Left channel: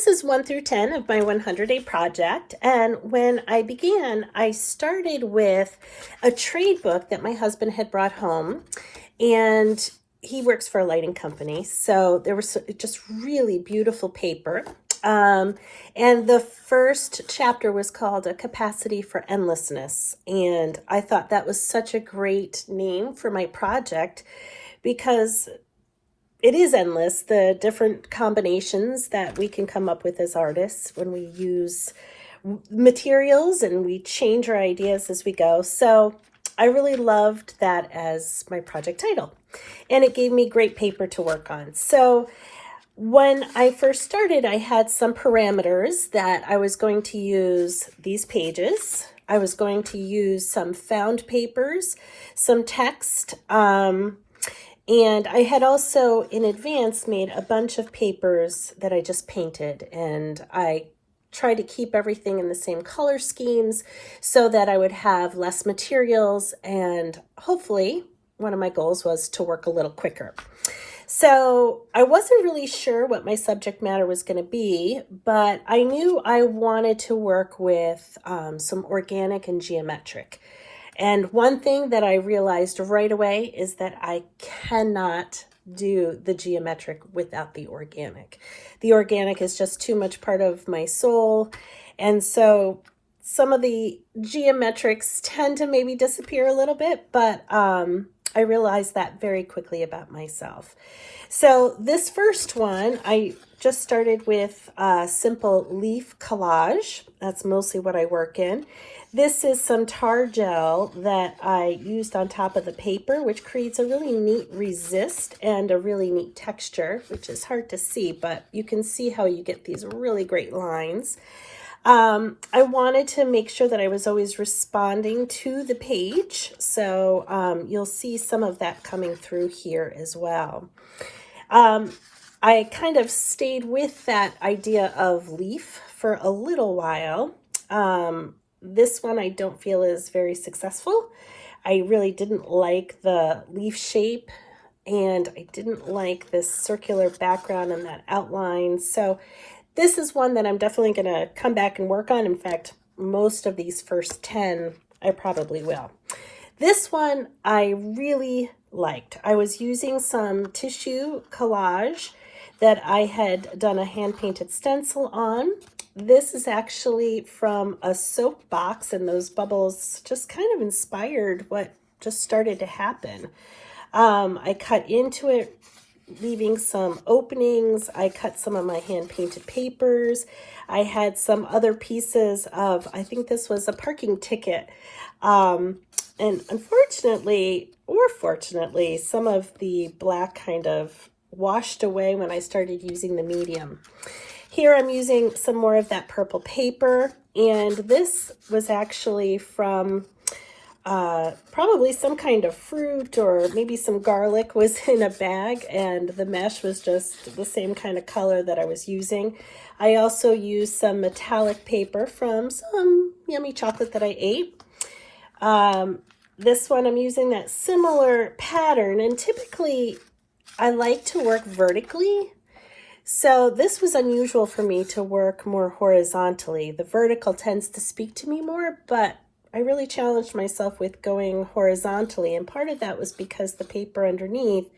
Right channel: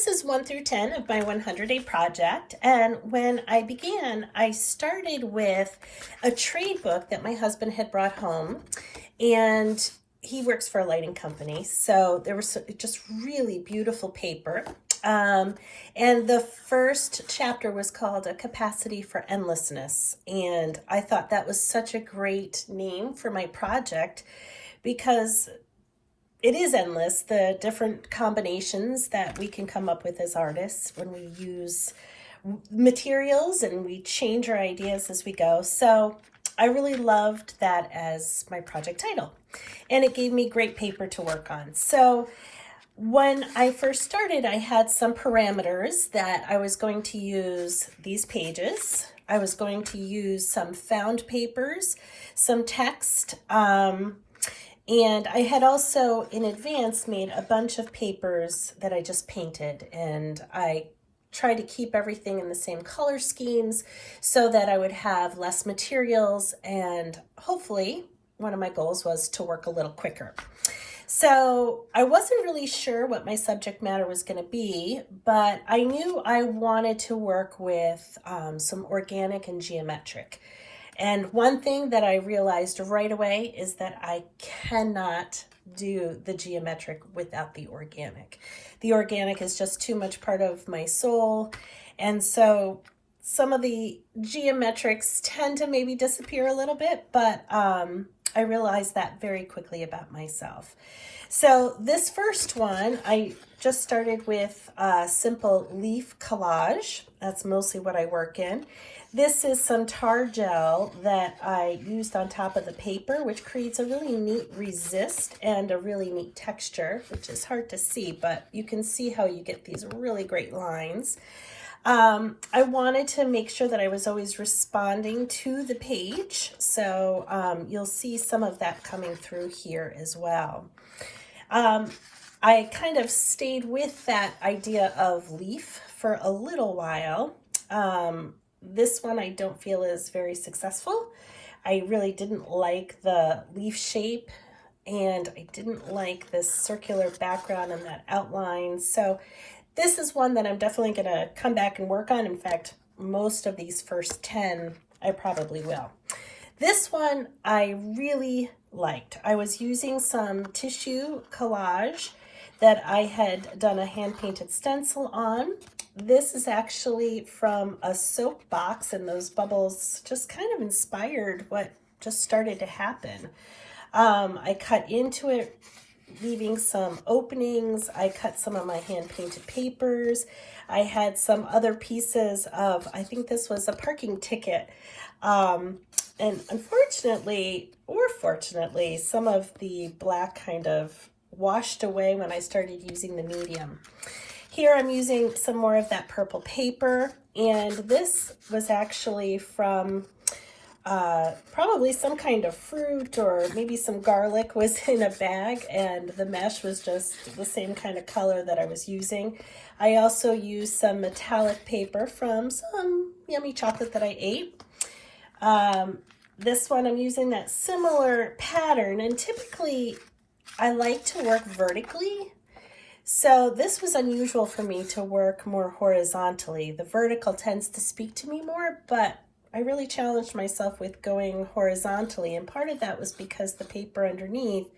This is 1 through 10 of my 100-day project, and when I began, I started with a trade book that my husband had brought home, and he works for a lighting company, so there was just really beautiful paper. And the first chapter was called A Capacity for Endlessness, and I thought that was such a great name for my project because it is endless, the different combinations that we can come up with as artists when we use materials and we change our ideas as we go. So I really loved that as my project title, and it gave me great paper to work on. So when I first started, I had some parameters that I was going to use these pages. I was going to use some found papers, some text, and I had also in advance made a bunch of papers that I just painted, and I tried to keep everything in the same color schemes so that I would have less materials, and hopefully one of my goals was to work a little quicker. So I wasn't really sure what my subject matter was going to be, but I knew I wanted to work with some organic and geometric. And one thing that I realized right away is that I cannot do the geometric without the organic. The organic is just too much part of my soul. And so some of the geometrics tend to maybe disappear a little bit, but I realized that very quickly about myself. So this first one, I just started with a simple leaf collage. That's mostly what I work in. This is some tar gel that I used on top of the paper, which creates a really neat resist and a really neat texture, which is hard to see, but you can see how you get these really great lines. I wanted to make sure that I was always responding to the page, so you'll see some of that coming through here as well. I kind of stayed with that idea of leaf for a little while. This one I don't feel is very successful. I really didn't like the leaf shape, and I didn't like this circular background and that outline. So this is one that I'm definitely going to come back and work on. In fact, most of these first 10, I probably will. This one I really liked. I was using some tissue collage that I had done a hand-painted stencil on. This is actually from a soap box, and those bubbles just kind of inspired what just started to happen. I cut into it, leaving some openings. I cut some of my hand-painted papers. I had some other pieces of, I think this was a parking ticket. And unfortunately, or fortunately, some of the black kind of washed away when I started using the medium. Here I'm using some more of that purple paper, and this was actually from probably some kind of fruit, or maybe some garlic was in a bag, and the mesh was just the same kind of color that I was using. I also used some metallic paper from some yummy chocolate that I ate. This one I'm using that similar pattern, and typically I like to work vertically. So this was unusual for me to work more horizontally. The vertical tends to speak to me more, but I really challenged myself with going horizontally, and part of that was because the paper underneath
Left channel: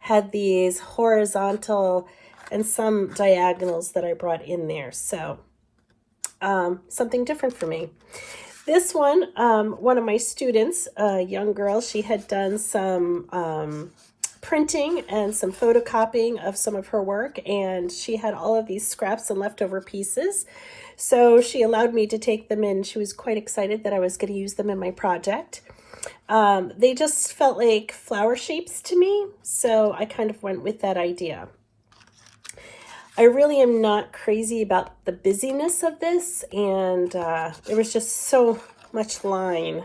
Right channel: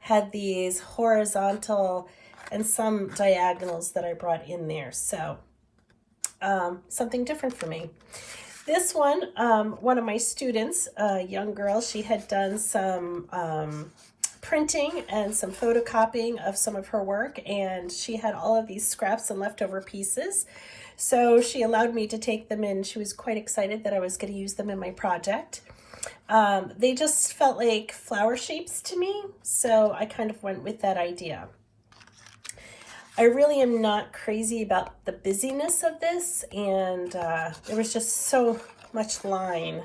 had these horizontal and some diagonals that I brought in there. So something different for me. This one, one of my students, a young girl, she had done some printing and some photocopying of some of her work, and she had all of these scraps and leftover pieces. So she allowed me to take them in. She was quite excited that I was going to use them in my project. They just felt like flower shapes to me, so I kind of went with that idea. I really am not crazy about the busyness of this, and there was just so much line.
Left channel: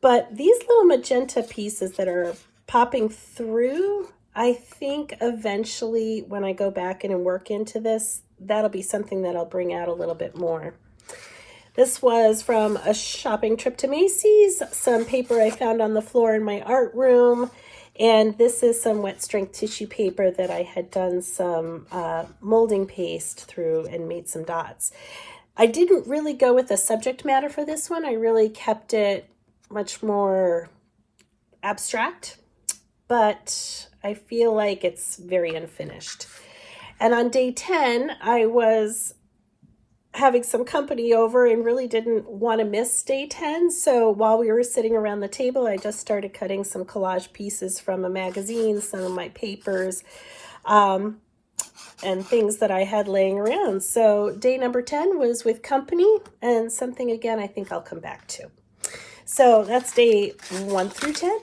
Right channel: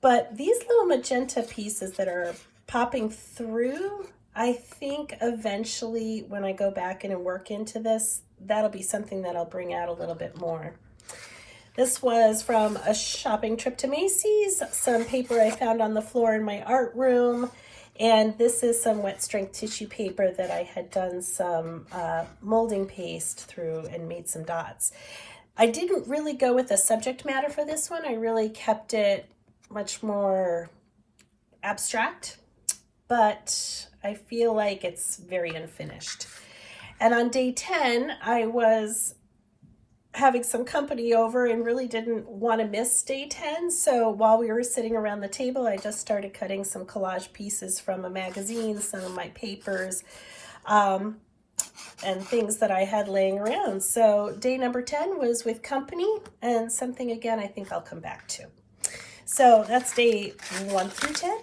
But these little magenta pieces that are popping through, I think eventually when I go back in and work into this, that'll be something that I'll bring out a little bit more. This was from a shopping trip to Macy's, some paper I found on the floor in my art room, And this is some wet strength tissue paper that I had done some molding paste through and made some dots. I didn't really go with the subject matter for this one. I really kept it much more abstract, but I feel like it's very unfinished. And on day 10, I was having some company over and really didn't want to miss day 10. So while we were sitting around the table, I just started cutting some collage pieces from a magazine, some of my papers, and things that I had laying around. So day number 10 was with company, and something again I think I'll come back to. So that's day 1 through 10.